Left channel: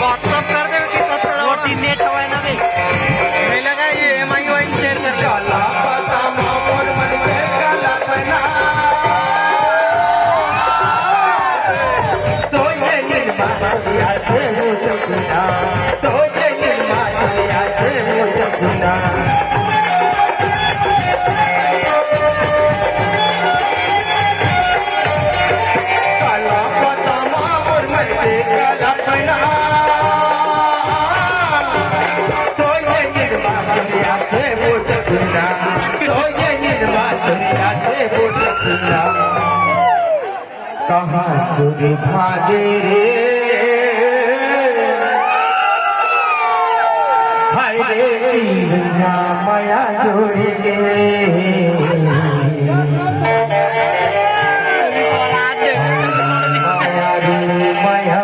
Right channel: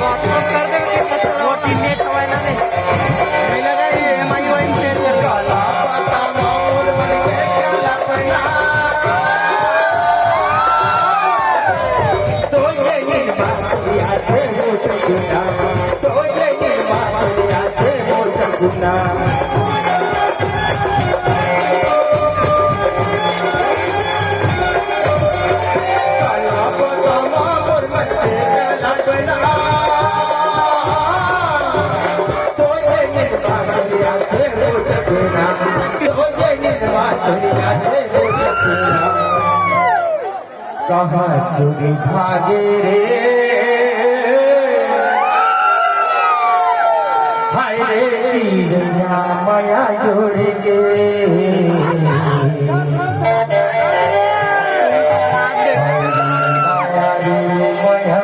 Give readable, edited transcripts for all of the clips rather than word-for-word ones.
WhatsApp कर दे कि net हवा ना नहीं लगा ये MIUI शेयर कर ले वाला कहाँ चुरी भागे हाय रे माया जोड़ के माया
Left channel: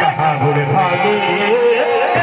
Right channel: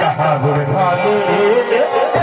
कहाँ बुरे भागे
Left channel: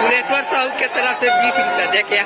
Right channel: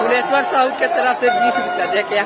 तुलेश्वर साहू के तरफ से 20 रुपया दे के